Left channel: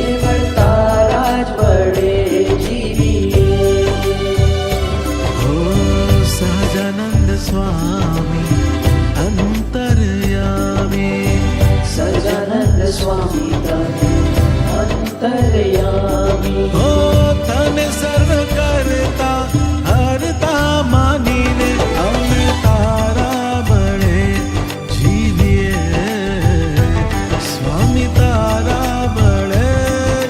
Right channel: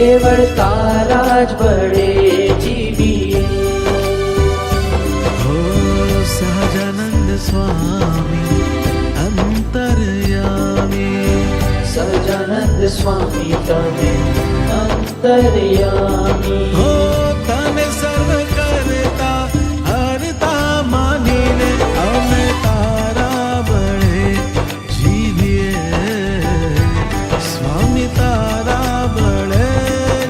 કેવળ તારા જ વડે જીવીએ. હો સહજાનંદ સ્વામી અંતર્યામી, સહજાનંદ સ્વામી તમે અંતર્યામી. હો તને સર્વ કરતા હરતા માનીને અમે તારા બળે જીવીએ. સ્વામી તારા બળે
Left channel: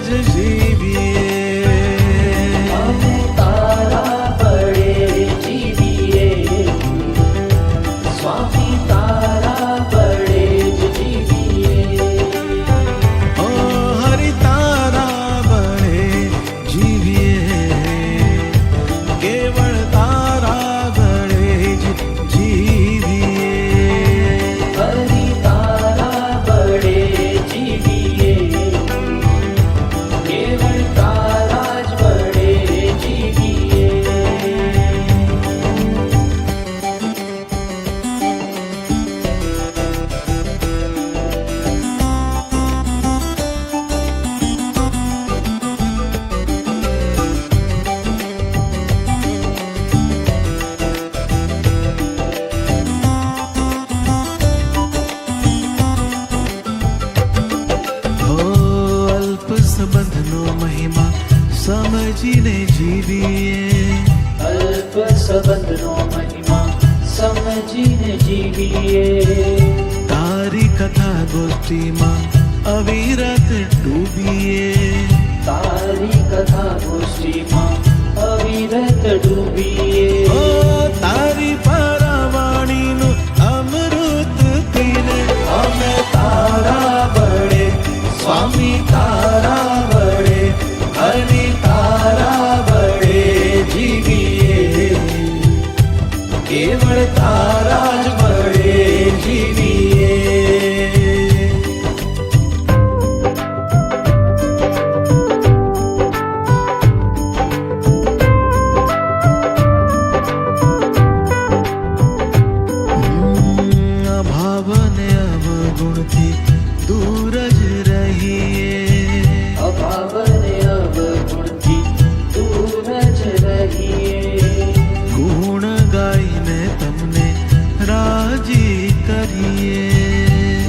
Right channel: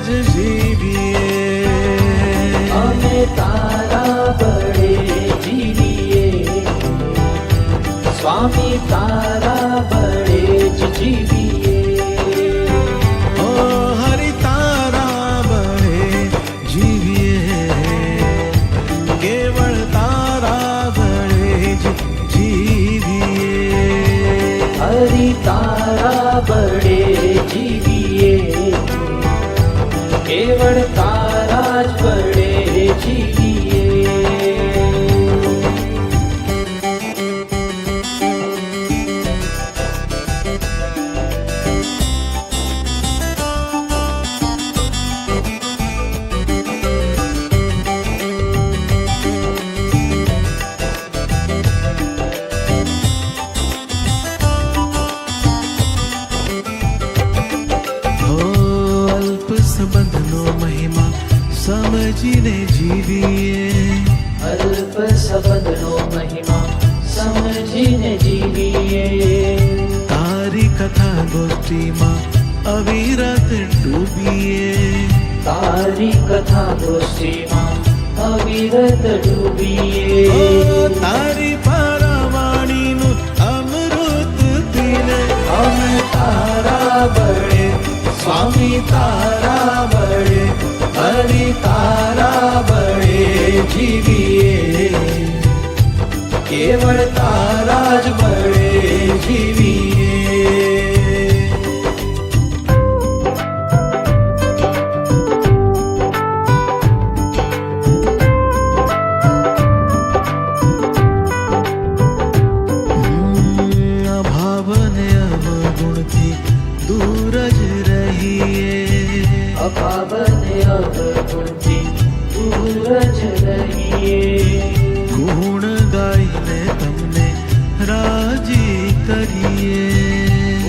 જ જીવીએ. અમે તારા બળે જીવીએ. સ્વામી તારા બળે જ જીવીએ. ઓ હરિ તારા બળે જીવીએ. કેવળ તારા બળે જ જીવીએ. હરિ તારા બળે જીવીએ. કેવળ તારા જ બળે જીવીએ. હો અલ્પ સંબંધનો મહિમા સમજીને જીવીએ. અલ્પ સંબંધનો મહિમા સમજીને જીવીએ. તારી કથા ગોષ્ઠીમાં અવિરત ડૂબીએ. તારી કથા ગોષ્ઠીમાં અવિરત ડૂબીએ. ઓ તારી પારાવાણીનું અમૃત પીને અમે તારા બળે સ્વામી તારા બળે હરિ તારા બળે જીવીએ. કેવળ તારા જ બળે જીવીએ. અભાવ ને અવગુણથી દૂર જ રહીએ. અભાવ ને અવગુણથી દૂર જ રહીએ. ગુણ ગાઈને તમને રાજી કરીએ.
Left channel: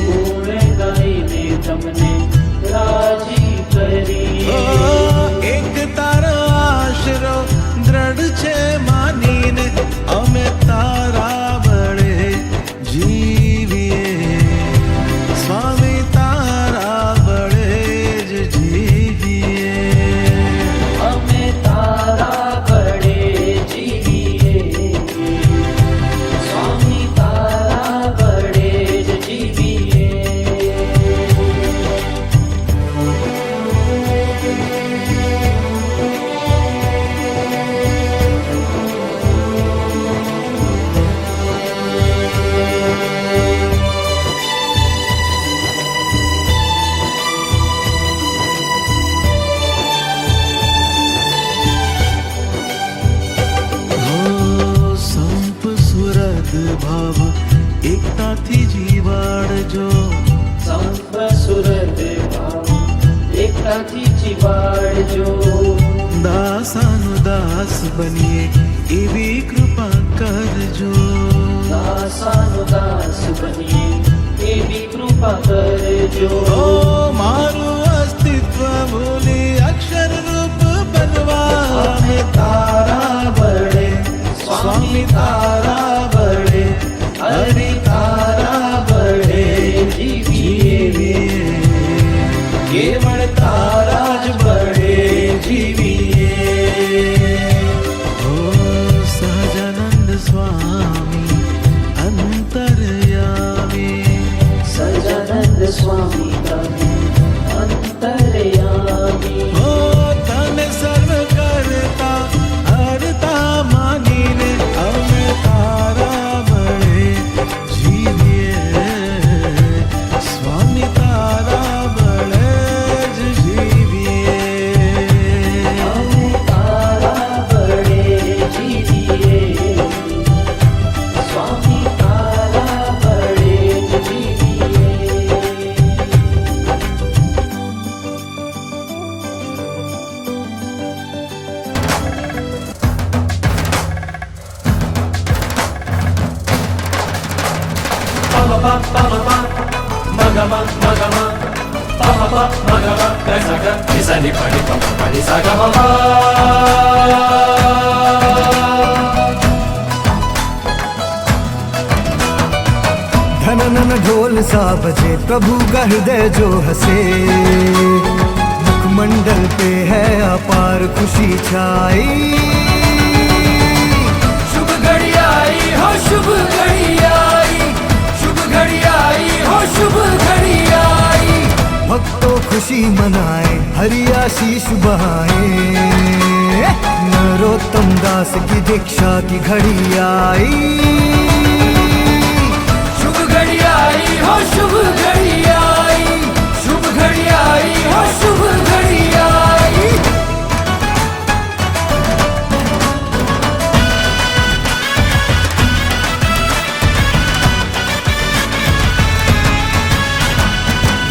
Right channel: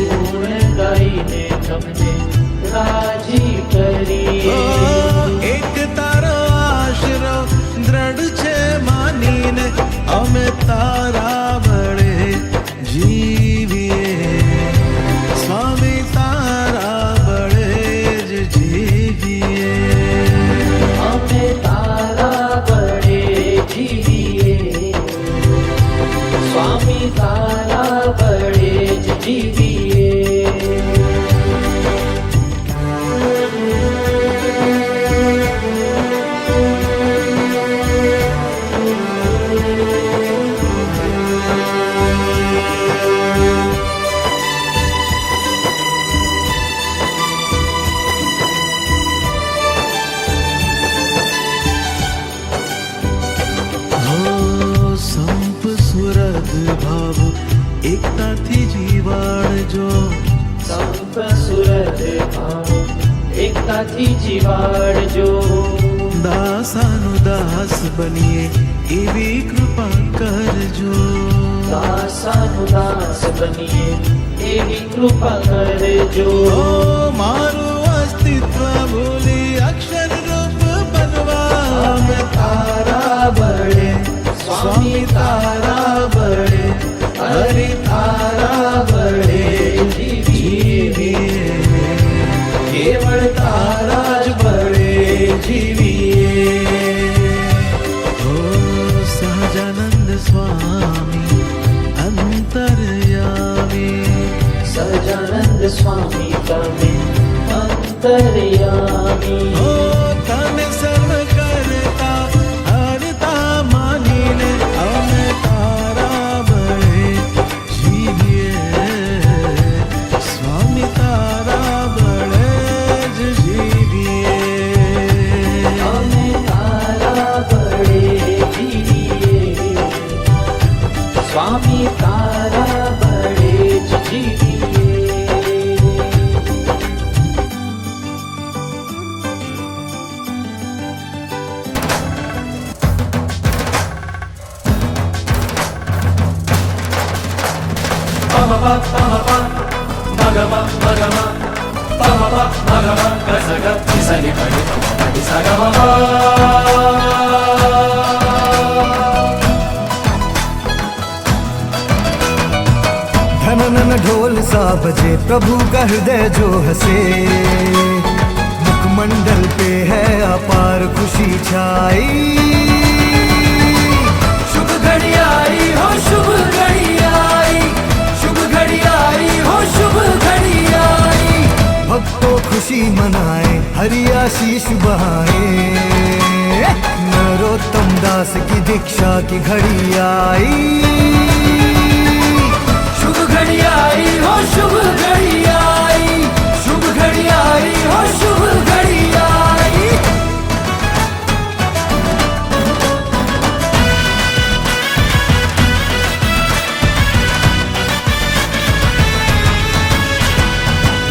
ગુણ ગાઈને તમને રાજી કરીએ. ઓ એક તારો આશરો દ્રઢ છે માનીને અમે તારા બળે જીવીએ. સ્વામી તારા બળે જ જીવીએ. અમે તારા બળે જીવીએ. સ્વામી તારા બળે જ જીવીએ. હો સંપ સુરદ ભાવ એકતાથી જીવાડજો. સંપ સુરત ભાવ એકતાથી જીવાડજો. દાસાનું દાસ બનીએ એવી કૃપા કરજો. દાસાનું દાસ બનીએ એવી કૃપા કરજો. ઓ મારું અસ્તિત્વ ભૂલી અક્ષર રૂપ બનવા અમે તારા બળે સ્વામી તારા બળે હરિ તારા બળે જીવીએ. કેવળ તારા જ બળે જીવીએ. હો સહજાનંદ સ્વામી અંતર્યામી, સહજાનંદ સ્વામી તમે અંતર્યામી. હો તને સર્વ કરતા હરતા માનીને અમે તારા બળે જીવીએ. સ્વામી તારા બળે જ જીવીએ. અમે તારા બળે જીવીએ. સ્વામી તારા બળે જ જીવીએ. pa pa ma pa ma ga ma pa ma pa ma ga ma ga sa ga ni sa ni pa ni pa ma pa ni sa ga ma pa. धनन ढोल सा बजे प्रभु का हृदय जो हंसे, मुखमंडल पे है अपार खुशी छाई। शुभ घड़ी आई हो शुभ घड़ी आई, शुभ घड़ी आई हो शुभ घड़ी आई। भक्तों खुशी मनाए हरि आशीष बहाए, नरोत्तम दास की दीक्षा की घड़ी आई। शुभ घड़ी आई हो शुभ घड़ी आई, शुभ घड़ी आई हो शुभ घड़ी आई।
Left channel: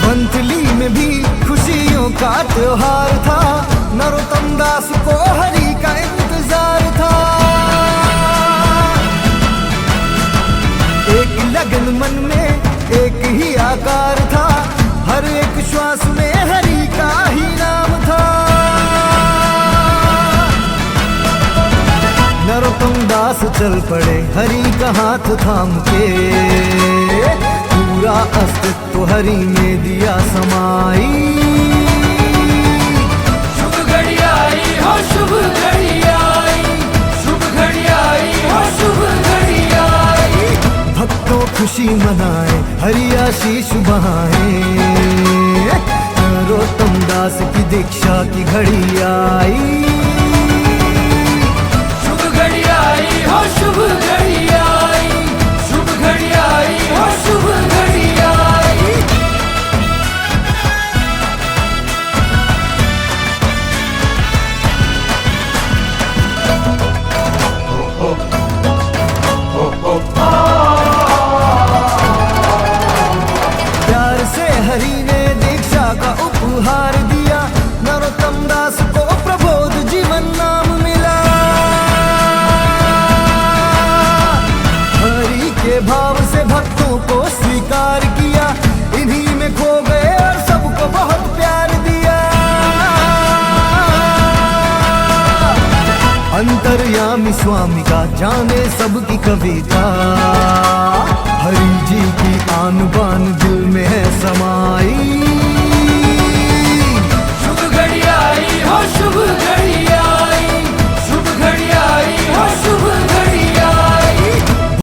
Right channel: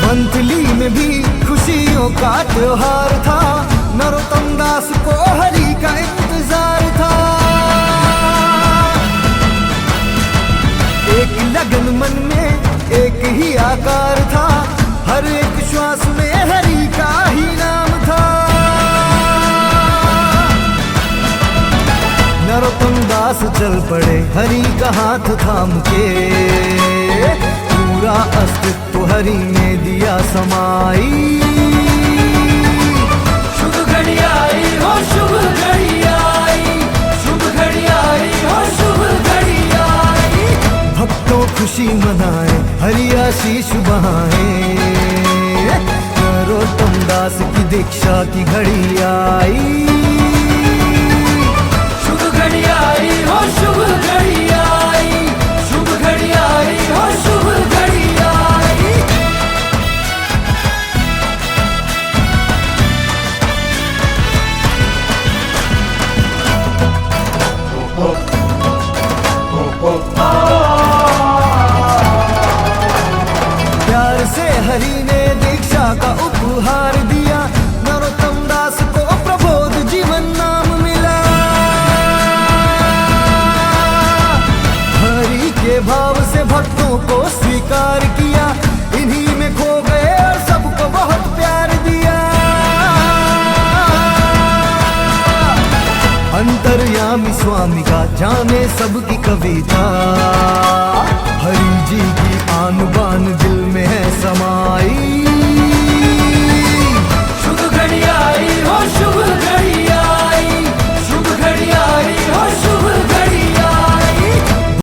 वंथली में भी खुशियों का त्योहार था, नरोत्तम दास को हरि का इंतजार था। एक लगन मन में एक ही आकार था, हर एक श्वास में हरि का ही नाम था। नरोत्तम दास चल पड़े हरि का हाथ थाम के, पूरा अस्तित्व हरि में दिया समाई। शुभ घड़ी आई हो शुभ घड़ी आई, शुभ घड़ी आई हो शुभ घड़ी आई। भक्तों खुशी मनाए हरि आशीष बहाए, नरोत्तम दास की दीक्षा की घड़ी आई। शुभ घड़ी आई हो शुभ घड़ी आई, शुभ घड़ी आई हो शुभ घड़ी आई। प्यार से हरि ने दीक्षा का उपहार दिया, नरोत्तम दास को प्रबोध जीवन नाम मिला। हरि के भाव से भक्तों को स्वीकार किया, इन्हीं में खो गए और सबको बहुत प्यार दिया। अंतर्यामी स्वामी का जाने सबकी कविता, हरि जी की आन बान दिल में है समाई।